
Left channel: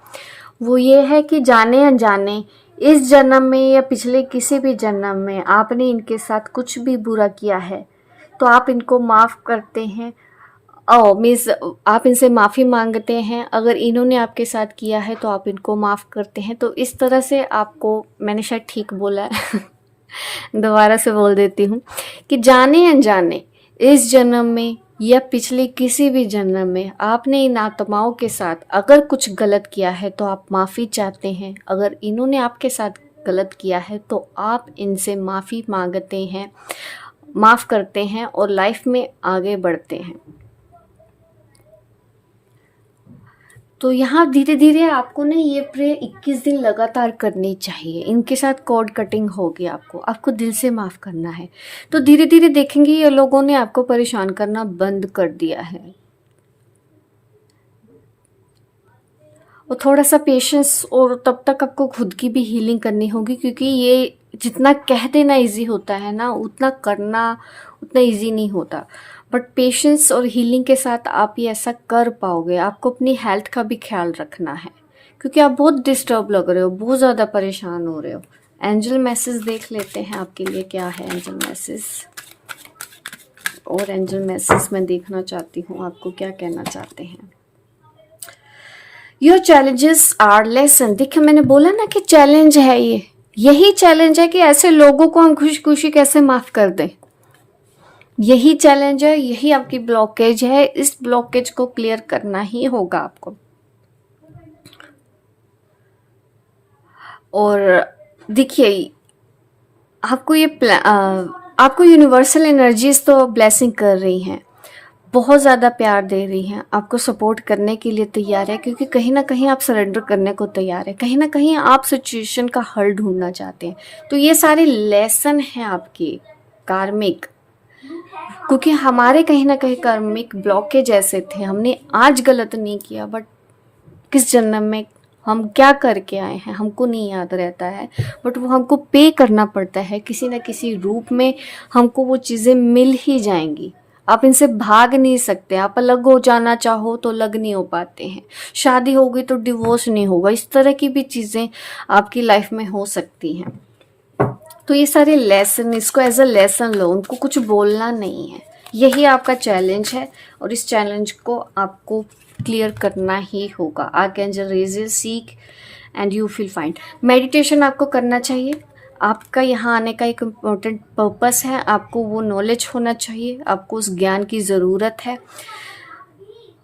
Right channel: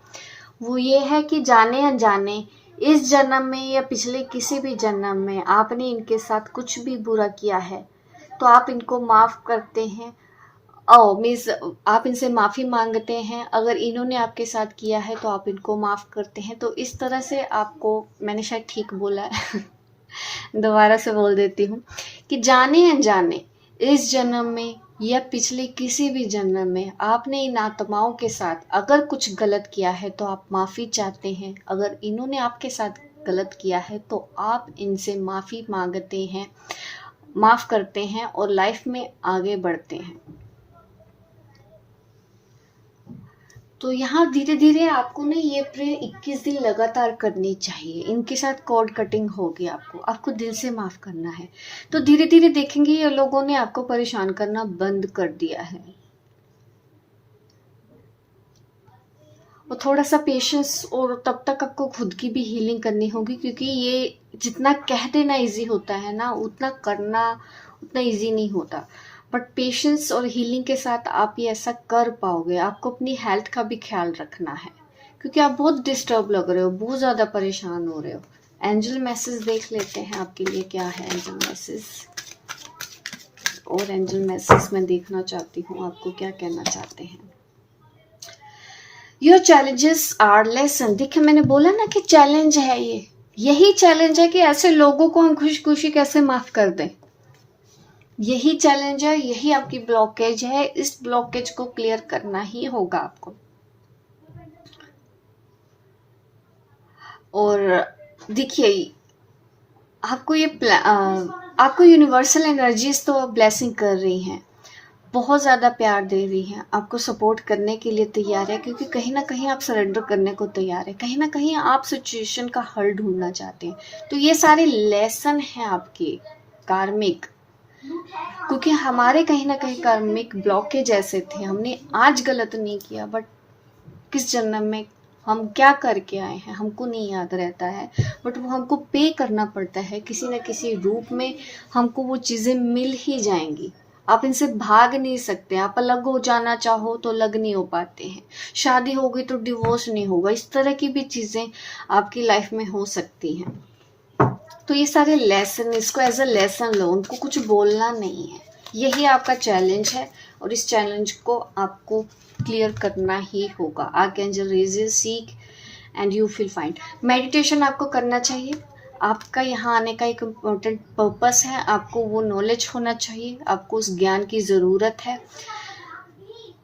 वो ये है कि जाने अनजाने इस जन्म में या पिछले किसी भी जन्म में आपने इनके साथ कुछ भी बुरा किया है, तो आप इनको माफ़ करते हैं। मीन्स आप इनसे माफ़ी मांगते हैं। अगर इन्होंने आपके साथ किया है तो आप इनको माफ़ करते हैं। तो इस तरह से आपको, मैंने शायद ठीक बोला है दोबारा से बोल देती हूँ कि जाने अनजाने इस जन्म में या पिछले किसी भी जन्म में आपने इन आत्माओं के साथ अगर कुछ गलत किया है तो आप माफ़ी चाहते हैं। अगर इन्होंने आपके साथ गलत किया है तो आप इनसे माफ़ी मांगते हैं, माफ़ करते हैं और लाइफ में आगे बढ़ते हैं। तो यहाँ धीरे धीरे आपको ना ये प्रेयर 21 दिन लगातार करनी चाहिए। इनके साथ कॉर्ड कटिंग होगी, आपको दिल से माफ़ करना है। तो धीरे धीरे देखेंगे ये लोगों ने आपको परेशान करना बंद कर दिया है। और थोड़ा सा पेशेंस, और तब तक आपको खुद की भी हीलिंग करनी होगी, क्योंकि ये जितना कह देना ईजी होता है ना, उतना करना उतना ईजी नहीं होता। बट पेशेंस और हीलिंग के साथ आप ये ऐसा कर पाओगे। आपको अपनी हेल्थ का भी ख्याल रखना है, क्योंकि आप बहुत डिस्टर्ब लग रहे हो, बहुत ज़्यादा परेशान हो रहे हो। एंजल मैसेज देख लेते हैं आपके लिए क्या है एंजल मैसेज। और एंजल मैसेज में देखना चाहती हूँ आपको क्या कहना चाहते हैं। Your challenges are lesson. देखिए मैंने बोला ना कि चैलेंज है, ये यही चैलेंज है कि ऐसे लोगों को हम खुशी खुशी कैसे माफ कर दें। यही चैलेंज है, यही आपकी ब्लॉकेज है। इस ब्लॉकेज को क्लियर करना ही होगा आपको। और देखिए आपको आपको यूनिवर्सल एनर्जीज तो ब्लेसिंग कर रही हैं, बहुत ज़्यादा प्यार दे रही हैं, आपको सपोर्ट करने के लिए तैयार है, क्योंकि कहीं ना कहीं आप सरेंडर करने को तैयार है, कहीं ना कहीं आप सिचुएशन का हल ढूंढना चाहते हैं। तो ये सारे लेसन हैं आपके कार्मिक, क्योंकि हमारे कहीं ना कहीं कार्मिक ब्लॉकेज ऐसे थे। हमने आज गलत नहीं किया, बट किस जन्म में हम क्या करके आए हैं हमको नहीं याद रहता है, बट वो हमको पे करना पड़ता है किसी न किसी रूप में। हमको वो चीज़ें मिल ही जाएंगी, आप इनसे भाग नहीं सकते। आप अलग हो जाना चाहो तो अलग नहीं हो पाते हैं, शादी होगी तो डिवोर्स नहीं होगा, इस तरह की भी चीज़ें आपकी लाइफ में हो सकती हैं। तो ये सारे लेसन, इसको एज अ लेसन लो, उनको कुछ बोलना नहीं है। यही आपका चैलेंज है और इस चैलेंज को आपको क्लियर करना ही होगा। Archangel Raziel seek and you feel fine. Meditation आपको करना चाहिए। आपका यहाँ आने का एक इम्पोर्टेंट पर्पस है, आपको वो नॉलेज होना चाहिए, आपको उस ज्ञान की ज़रूरत है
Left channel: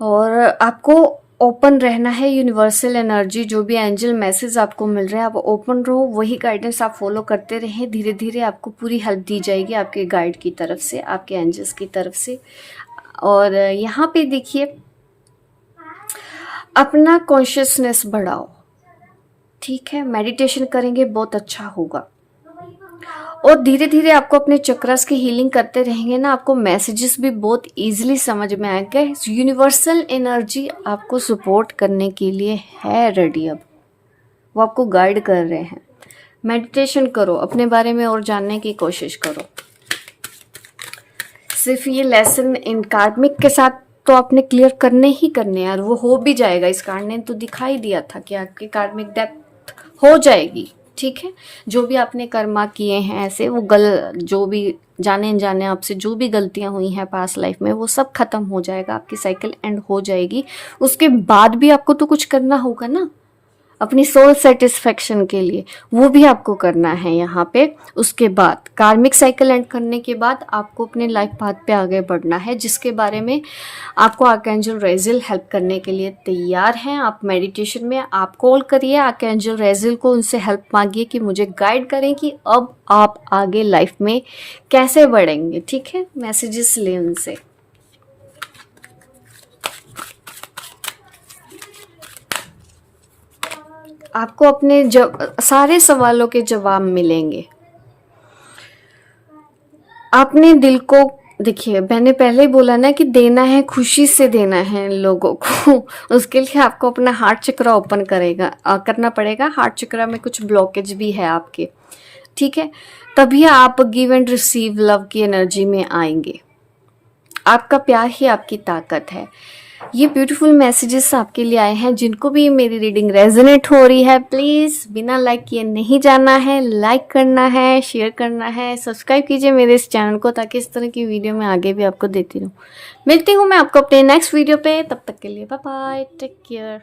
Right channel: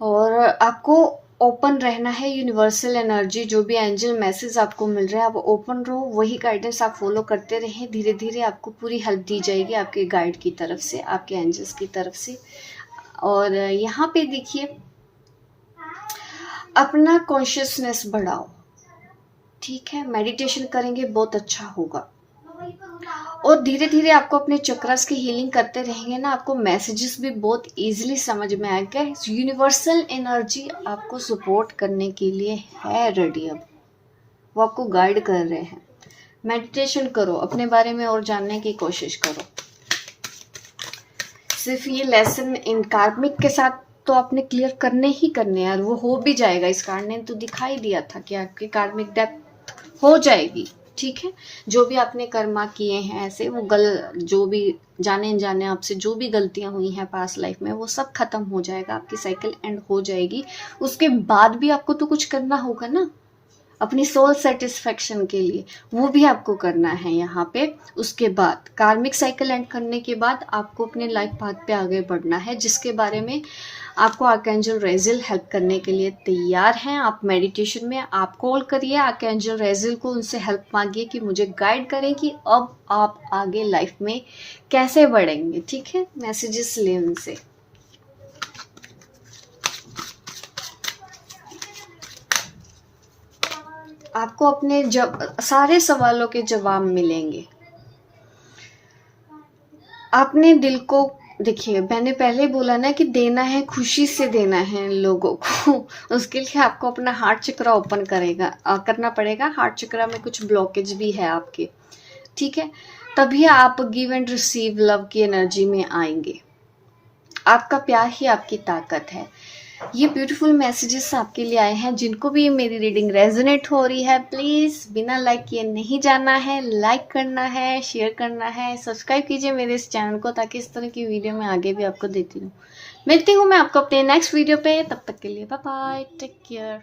और आपको ओपन रहना है। यूनिवर्सल एनर्जी जो भी एंजल मैसेज आपको मिल रहा है आप ओपन रहो, वही गाइडेंस आप फॉलो करते रहें। धीरे धीरे आपको पूरी हेल्प दी जाएगी आपके गाइड की तरफ से, आपके एंजल्स की तरफ से। और यहाँ पे देखिए अपना कॉन्शियसनेस बढ़ाओ, ठीक है, मेडिटेशन करेंगे बहुत अच्छा होगा। और धीरे धीरे आपको अपने चक्रस की हीलिंग करते रहेंगे ना, आपको मैसेजेस भी बहुत इजीली समझ में आएंगे। यूनिवर्सल एनर्जी आपको सपोर्ट करने के लिए है रेडी, अब वो आपको गाइड कर रहे हैं। मेडिटेशन करो, अपने बारे में और जानने की कोशिश करो। सिर्फ ये लेसन इन कार्मिक के साथ तो आपने क्लियर करने ही करने यार, वो हो भी जाएगा। इस कार्ड ने तो दिखाई दिया था कि आपके कार्मिक डेथ हो जाएगी, ठीक है। जो भी आपने कर्मा किए हैं ऐसे, वो जो भी जाने अनजाने आपसे जो भी गलतियां हुई हैं पास्ट लाइफ में, वो सब खत्म हो जाएगा, आपकी साइकिल एंड हो जाएगी। उसके बाद भी आपको तो कुछ करना होगा ना अपनी सोल सेटिस्फेक्शन के लिए, वो भी आपको करना है यहाँ पे। उसके बाद कार्मिक साइकिल एंड करने के बाद आपको अपने लाइफ पाथ पे आगे बढ़ना है, जिसके बारे में आपको आर्कएंजल रेज़िल हेल्प करने के लिए तैयार हैं। आप मेडिटेशन में आप कॉल करिए आर्कएंजल रेज़िल को, उनसे हेल्प मांगिए कि मुझे गाइड करें कि अब आप आगे लाइफ में कैसे बढ़ेंगे, ठीक है। मैसेजेस लें उनसे। आपको अपने सारे सवालों के जवाब मिलेंगे। आपने दिल को, देखिए मैंने पहले ही बोला ना कि देना है, खुशी से देना है लोगों को। उसके लिए आपको अपना हार्ट चक्र ओपन करना पड़ेगा। हार्ट चक्र में कुछ ब्लॉकेज भी है आपके, ठीक है। तभी आप गिव एंड रिसीव लव की एनर्जी में आएंगे। आपका प्यार ही आपकी ताकत है। ये ब्यूटीफुल मैसेजेस आपके लिए आए हैं। जिनको भी मेरी रीडिंग रेजोनेट हो रही है, प्लीज़ बिना लाइक किए नहीं जाना है, लाइक करना है, शेयर करना है, सब्सक्राइब कीजिए मेरे इस चैनल को, ताकि इस तरह की वीडियो मैं आगे भी आपको देती रहूँ। मिलती हूँ मैं आपको अपने नेक्स्ट वीडियो पे, तब तक के लिए बाय बाय, टेक केयर।